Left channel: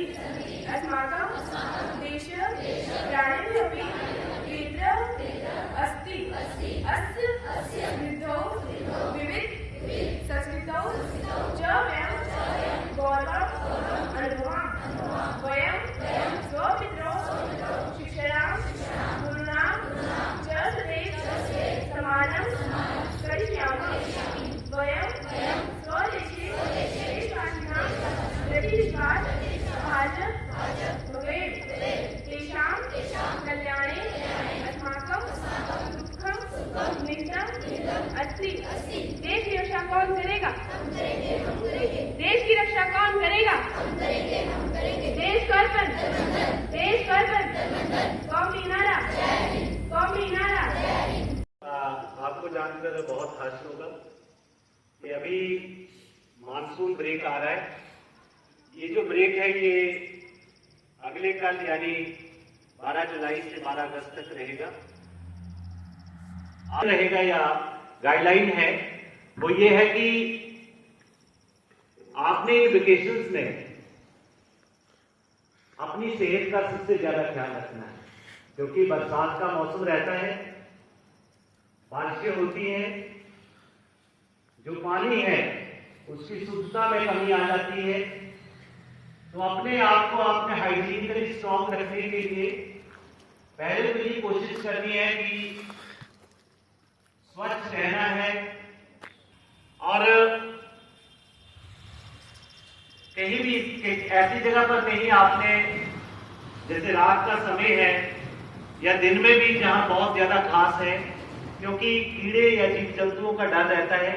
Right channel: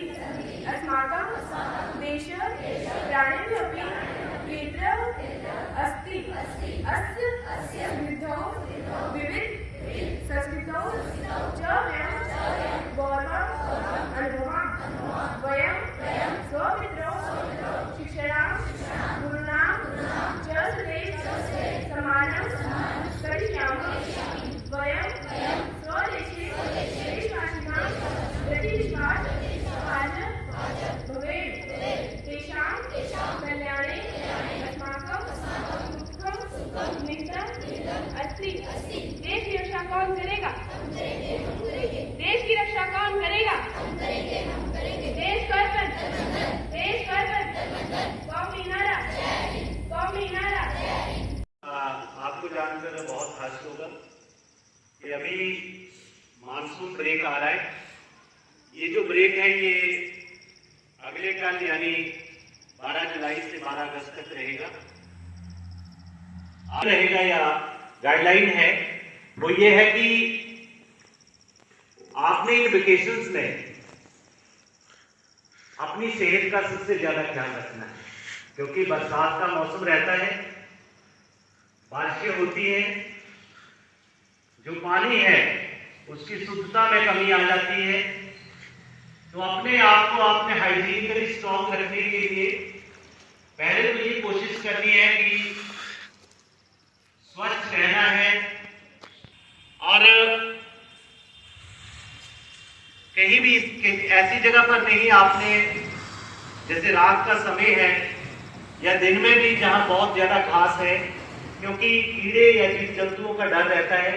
अस्माकं देश प्राणिभ्योऽपि केन्द्र अस्ति। अस्य समृद्धौ विविध संस्कृतौ च वयं गौरवम् अनुभवामः। वयं स्वपितरौ शिक्षया गुरुणा च सदैव सम्माननं करिष्यामः। वयं स्वदेशे देशवासिनां प्रति विश्वासभाजनं भवेत्। तेषां कल्याणे अस्माकं सुखं निहितम् अस्ति। देश की रक्षा कौन करेगा? देश की रक्षा कौन करेगा? देश को अर्पण, देश को अर्पण। कौमी नारा, कौमी नारा। आपको जानकर बहुत खुशी होगा कि अभी मानसून ब्रेक आ रहा है। ये जो ब्रेक है ये अगले कल यानी 12 जुलाई से 12 अगस्त तक रहेगा। रहेगा या गाइडलाइन है वो ये है कि आपने इन वेकेशंस में अपनी सेहत का सबसे ज्यादा ख्याल रखना है, क्योंकि बरसात का मौसम रहता है, बारिशें होती हैं, जो पानी है उसकी शुद्धता में कमी आ जाती है। तो अपने आप को अपने हाइजीनिकली स्ट्रॉन्ग रखने के लिए पहले तो ये कोशिश करनी है कि स्वच्छ रहना है और कहीं भी ऐसी जगह पर नहीं आपने, जैसे रात का समय है या दिन में भी जहां बहुत ज्यादा घास है, क्योंकि कीड़े या जीव जंतुओं का डर रहता है।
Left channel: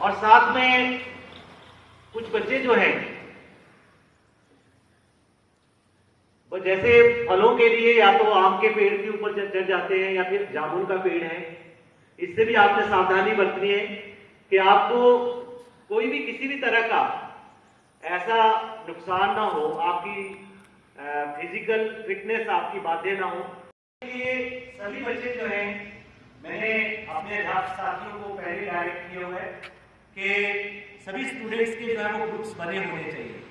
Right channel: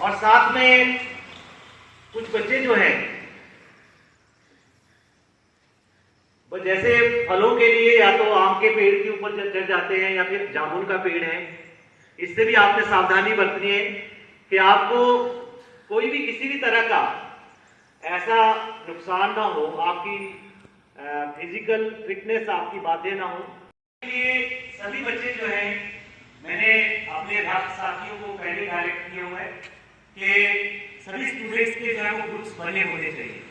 और साथ में कुछ बच्चे जो हैं वो जैसे फलों के लिए या तो आम के पेड़ के ऊपर चढ़ जाते हैं या फिर जामुन का पेड़ है, इससे भी आपने सावधानी बरतनी है कि आपको कोई भी किसी भी तरह का ऐसा नुकसान ना हो, आपकी फिजिकल फिटनेस आपकी बातें ना हो। ये सभी बच्चे जो हैं, मैंने अपने अध्यापक साथियों को पहले डायरेक्ट किया हुआ है कि सभी स्टूडेंट्स के जो है वो ग्रुप्स बने होने चाहिए।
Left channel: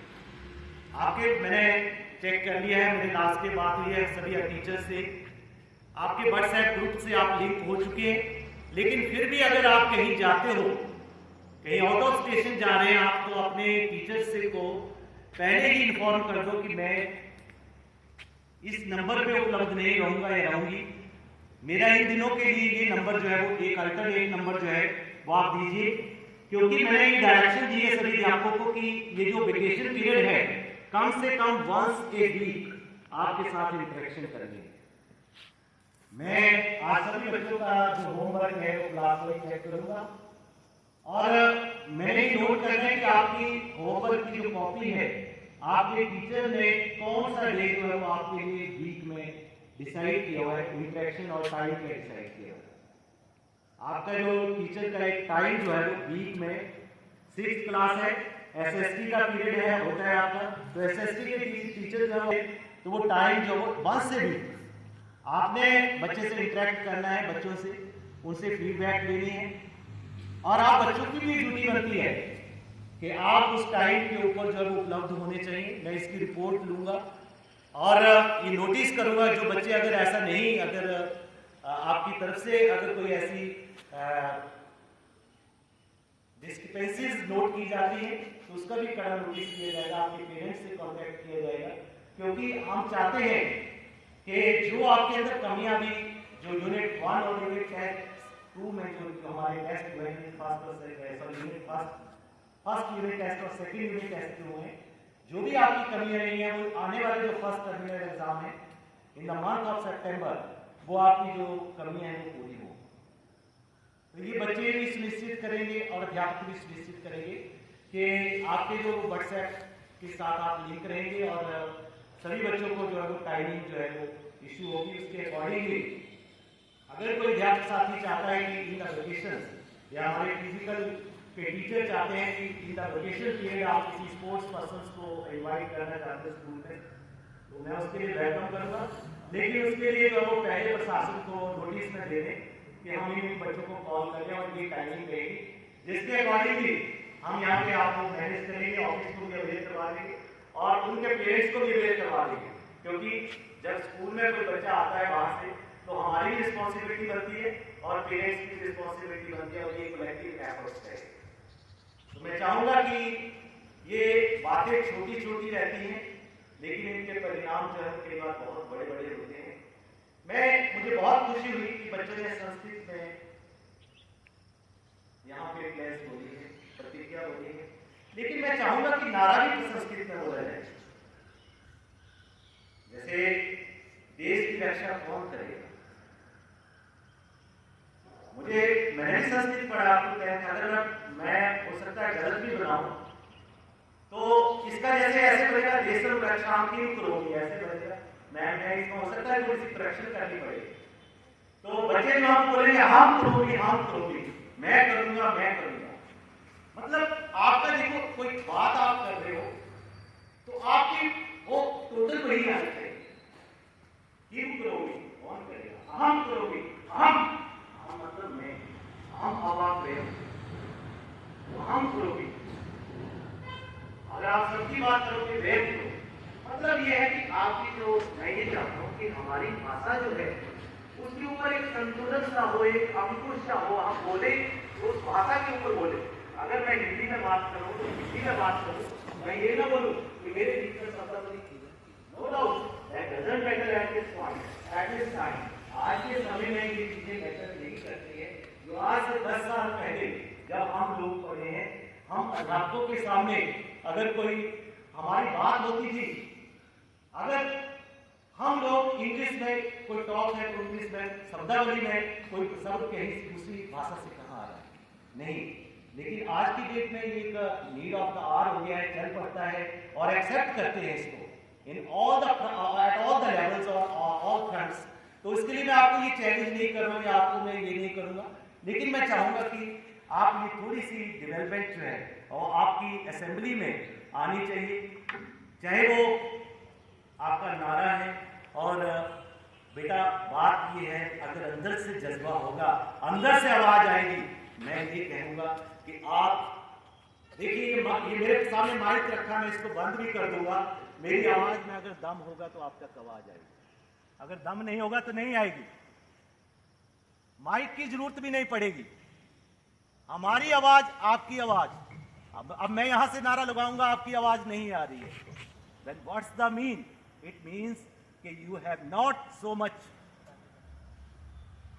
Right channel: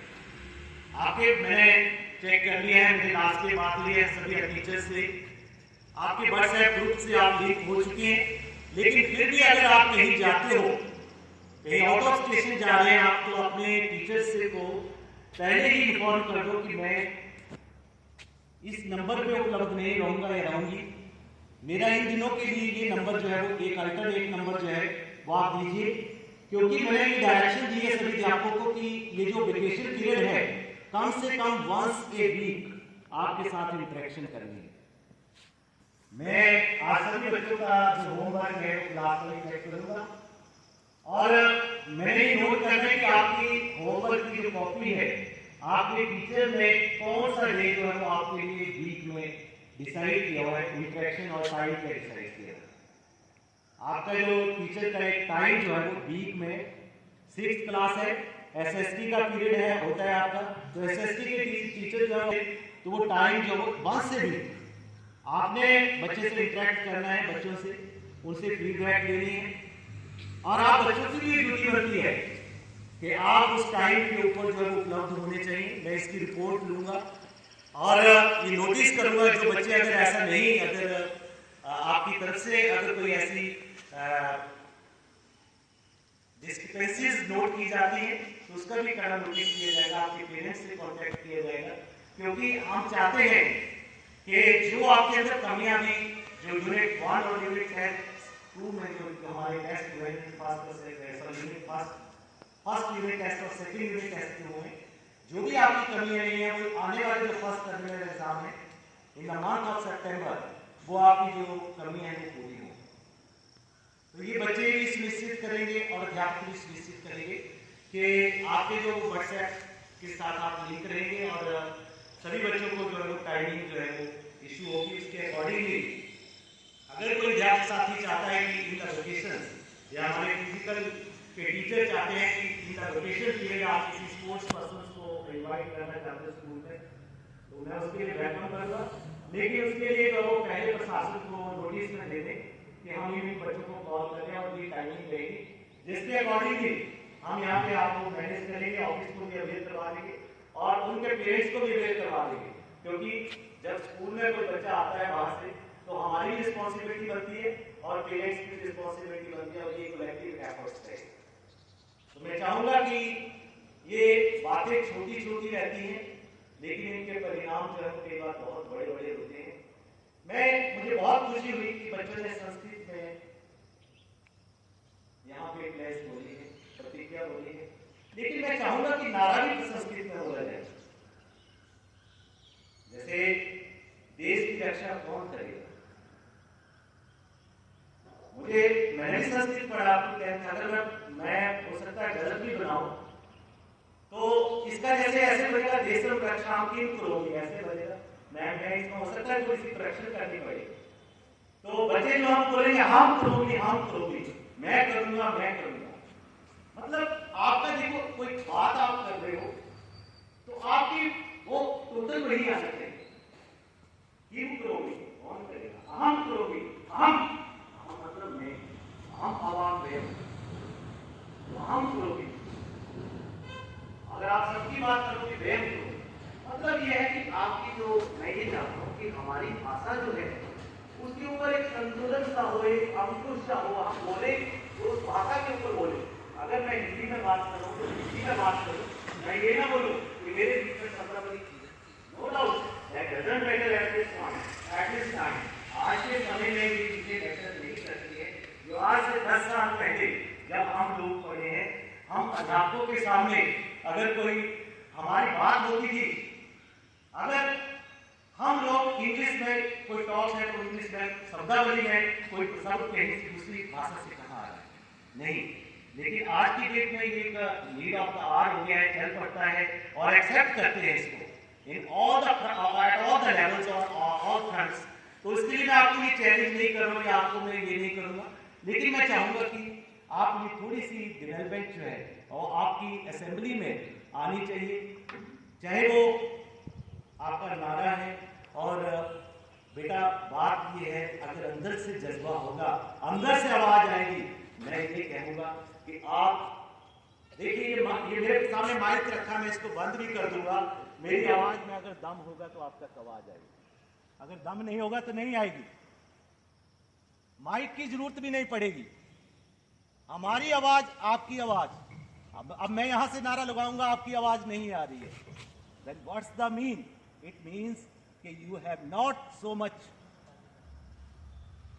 आपके मैंने चेक कर लिया है, मेरे क्लास के बात हुई है सभी टीचर्स से, आपके व्हाट्सएप ग्रुप से आप लिंक हो चुके हैं। लेकिन फिर भी अगर आप कहीं जाते हो, कहीं आउट ऑफ स्टेशन जा रहे हैं आप, तो अपने टीचर्स से को पहले ही इन्फॉर्म कर दो कि मैं इस नंबर पे उपलब्ध नहीं रहूंगा या रहूंगी। मेरा इन दिनों के लिए ये नंबर जो है वो एक अल्टरनेट नंबर जो है वो आप दीजिए, क्योंकि मैंने ये डायरेक्शन दी है सभी अध्यापकों को कि ये जो वेकेशन पीरियड है कम से कम वंस ए वीक आपके साथ इंटरेक्शन करेंगे। मैं आज सभी बच्चों का जो होमवर्क है क्लास में चेक करूंगा और मैंने नोट करना है कि आपकी होमवर्क की जो कॉपी है आपके टीचर ने कौन सा डे जो है वो आपके लिए वीक में डिसाइड किया हुआ है, इंटरेक्शन और टाइम पे डिसाइड किया है। आपका जो टीचर का एक टाइम जो है वो वीक में 6th क्लास है, एसएसटी का पीरियड है होता है आपका, तो एसएसटी के टीचर जो है तो वो टाइम जो वो 1 से भी आपने बच्चे से इंटरेक्ट करना है, बच्चों से उनसे फीडबैक लेनी है और आप बच्चों की भी ड्यूटी बनती है कि आप उस टाइम के ऊपर जो है वो उपलब्ध होने चाहिए। मैं इसकी रिपोर्ट लूंगा और ये नोटिस करूंगा जो बच्चे अगर ऐसा नहीं, अगर आपकी तरफ से अगर कोई ऐसी डिस्क्रिपेंसीज नोट की जाती है तो उसका भी कड़ा नोटिस किया जाएगा, आपके पेरेंट्स से कांटेक्ट किया जाएगा, क्योंकि हम चाहते हैं कि जो आपके अंदर कमियां भी, जो यूनिट 1 और यूनिट 2 में जो हमारे टेस्ट हुए हैं, फर्स्ट यूनिट टेस्ट और सेकंड यूनिट टेस्ट जो हुए, जो भी आपकी कमियां नहीं है वो आने वाले जो फर्स्ट टर्मिनल एग्जाम है इन द मंथ ऑफ सितंबर, वो आपकी जो कमियां हैं वो पूरी हो। तो ये बच्चे भी सुनिश्चित करेंगे और अध्यापक भी सुनिश्चित करेंगे कि आपके जो व्हाट्सएप के साथ आप लिंक करेंगे और सभी बच्चों को जो है वो टाइमिंग जो है वो इशू होगी। इसके अकॉर्डिंगली अगर कोई अध्यापक साथी चाहता है कि इन द लोकेशन या हमारे फिजिकल के टीचर चाहते हैं कि इन द लोकेशन पीरियड आप किसी स्पोर्ट्स पर्सन को इन्वाइट करना चाहते हैं स्कूल में, तो मैं उसके लिए वेलकम करूँगा। लेकिन उसके लिए जो वो पहले प्रशासन को नोटिस में दे दें कि हम इन बच्चों को कॉल करें और ये टाइमिंग रहेगी, जिसके अकॉर्डिंगली हम यहाँ पे आपको मैनेज करेंगे, ऑफिस को भी अवेयर करवा देंगे और उनके पेरेंट्स को भी अवेयर करवा देंगे, क्योंकि जब स्कूल में कोई बच्चा आता है बाहर से तो हमारी भी रिस्पॉन्सिबिलिटी बनती है और पेरेंट्स की रिस्पॉन्सिबिलिटी बनती है, और ये कलेक्टिव एफर्ट्स है। तो मैं चाहूंगा कि ये बातें छोटी छोटी रहती हैं, लेकिन इनके परिणाम जो है कई बार बहुत बड़े बड़े होते हैं। मुझे बहुत खुशी हुई कि बच्चों ने संस्कृत में यहाँ पे क्लास बोली है, प्रतिज्ञा बोली है, लेकिन मैं चाहूंगा कि नारा भी संस्कृत में बोला जाए। जैसे देश की रक्षा कौन करेगा, मैंने भी संस्कृत पढ़ा, आपको अगर मैं हो सकता है गलत भी बनाऊं तो इसका जैसे ऐसे बनेगा, देशम रक्षाम किम करोगी, ऐसे बनेगा। मैं इसमें हो सकता है थोड़ी सी करेक्शन करनी पड़ेगी। तो बच्चे जो हम बोलेंगे हम करोगी, मैं करूंगा, मतलब आपका देखो कोई बात आप कर रहे हो तो आपकी वो टोटल वही आना चाहिए। किम करोगे, कौन करेगा, हम करोगे, हम मतलब मैं, हम आवाम में, हम करोगे। अगर आप सबकी बात करोगे वे, मतलब ये है कि आपकी जो, मैं ये चाहता हूँ कि हमारी भाषा जो है उसके ऊपर एक संतुलन सा हो, एक अंकुश सा हो, हम बोले तो उस भाषा के ऊपर बोले। अगर मैं हिंदी में बात करूँ तो हिंदी में बात करूँ, मैं ये ना बोलूँ कि मेरे बीच में मतलब नहीं चीजें, no doubt that doesn't matter at this point, at this time. आज के समय में ये चीजें मैटर नहीं करती है, जो आज से 10 साल पहले जब हम लोग पढ़े हैं, हम अध्यापकों के सामने अगर कोई हमारी बात होती थी, अगर हम लोग इंग्लिश में कोई टॉक है तो इंग्लिश में शब्दावली में कोई शब्द कहीं दूसरी भाषा से कहाँ आ रहा है, नहीं। लेकिन आज की डेट में ये नीड ऑफ द आर हो गया है, चल पड़ता है और एक्सेप्ट करते हैं इसको in all the at all the levels और ऑल फ्रंट्स। तो इसके लिए मैं आपको ये चैलेंज नहीं करूँगा, आपको मैं ये नहीं करूँगा, लेकिन मैं चाहूँगा कि आप ये थोड़ी सी डेवलपमेंट जो है और आपकी असेंबली में आनी चाहिए, चाहे वो आपका नारा है। और बेटा बात ये है, अगर अंदर से जज्बा होगा, अंदर से आवाज आएगी, मैं ये कहूँगा कि आप देखिए ये मेरे सामने माइक रखा, मैं इसको बंद भी कर दूंगा। मेरी आवाज में अगर दम होगा तो आप तक आवाज आएगी, अगर दम नहीं होगा तो नहीं आएगी। माइक की जरूरत भी नहीं पड़ेगी, हमारी आवाज आपकी आवाज। अब मैं यहां से नारा लगाऊंगा, आपकी आवाज नहीं आ रही है, then what's the mean? It means that you have not so much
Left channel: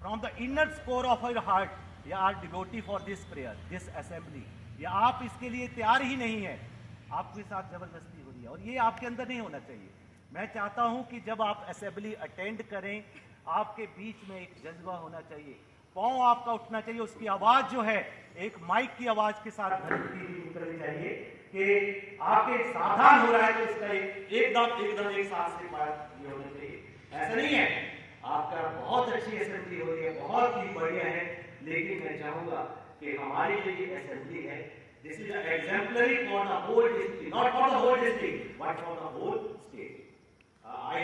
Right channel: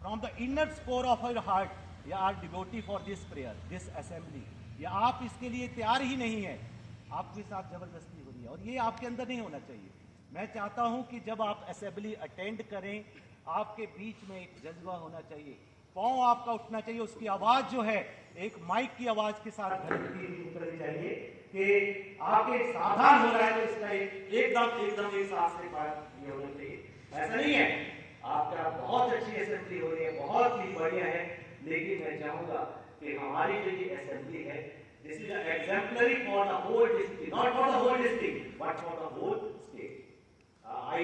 from the inner core of your heart, you are devotee for this prayer, this assembly, या आप इसके लिए तैयार ही नहीं है, आपके साथ जबरदस्ती हो रही है, और ये आपके अंदर नहीं होना चाहिए। मैं चाहता हूं कि जब आप असेंबली अटेंड करें, आपके बीच में एक जज्बा होना चाहिए, पांव आपका उठना चाहिए, उसकी आवाज जो है एक माइक की आवाज के साथ करनी चाहिए कि आपके सावधान हो रहा है तो इसका एकदम एक सांस के बाद ये होना चाहिए। ऐसा नहीं है, आपका बहुत अच्छी असेंबली हो रही है, बहुत ही बढ़िया है, लेकिन मैं चाहूंगा कि हमारी जो ये असेंबली है, this is exemplary for the whole district, not for the whole district but for the whole state. I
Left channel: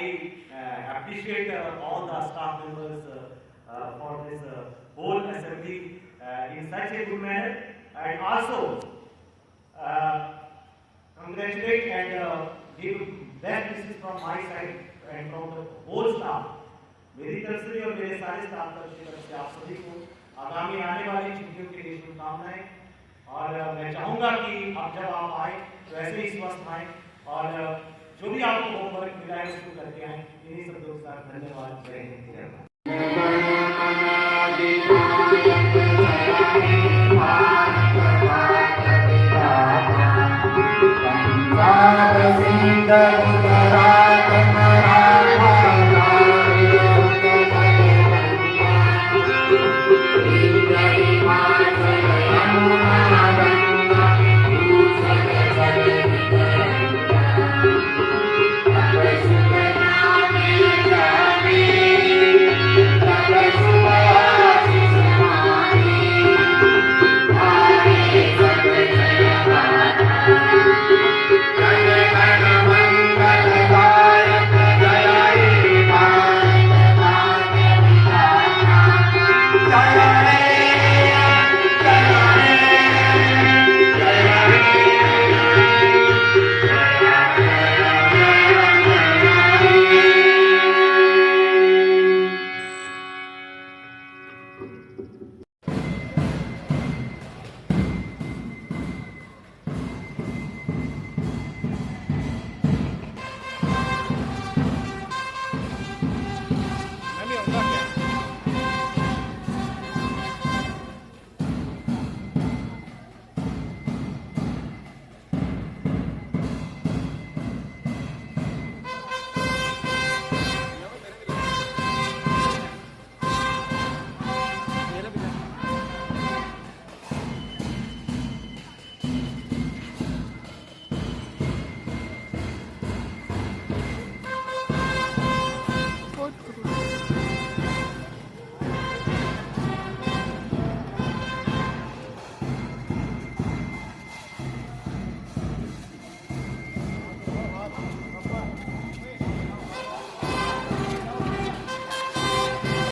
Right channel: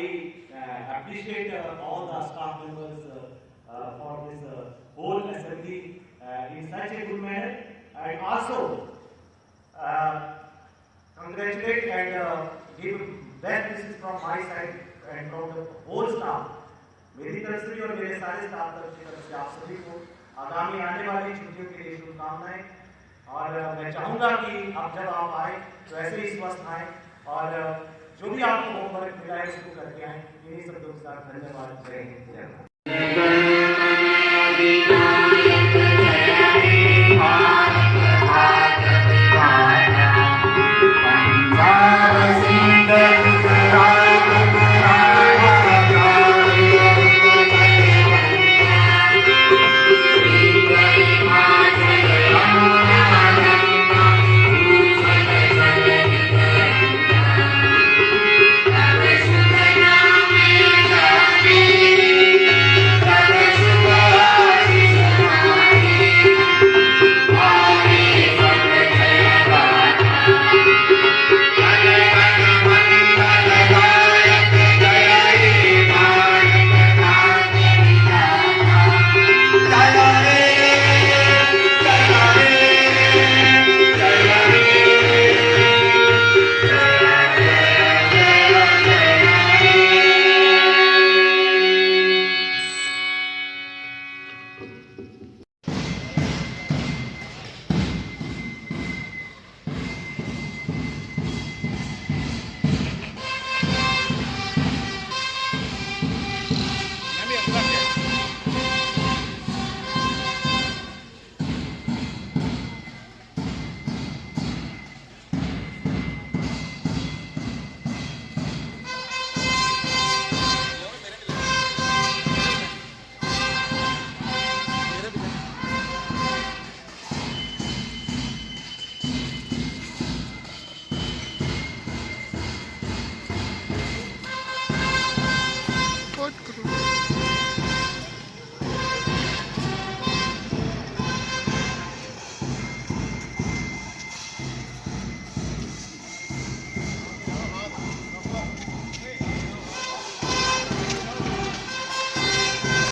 appreciate all the staff members for this whole assembly in such a good manner, and also congratulate and give best wishes from my side and from the whole staff, मेरी तरफ से भी और मेरे सारे staff की तरफ से आप सभी को आगामी आने वाली छुट्टियों के लिए शुभकामनाएं। और मैं चाहूंगा कि अब जब आप आए तो ऐसे ही स्वस्थ आए और जो भी आपको होमवर्क मिला है उसको करके आए। इन्हीं शब्दों के साथ धन्यवाद, जय हिंद, जय भारत।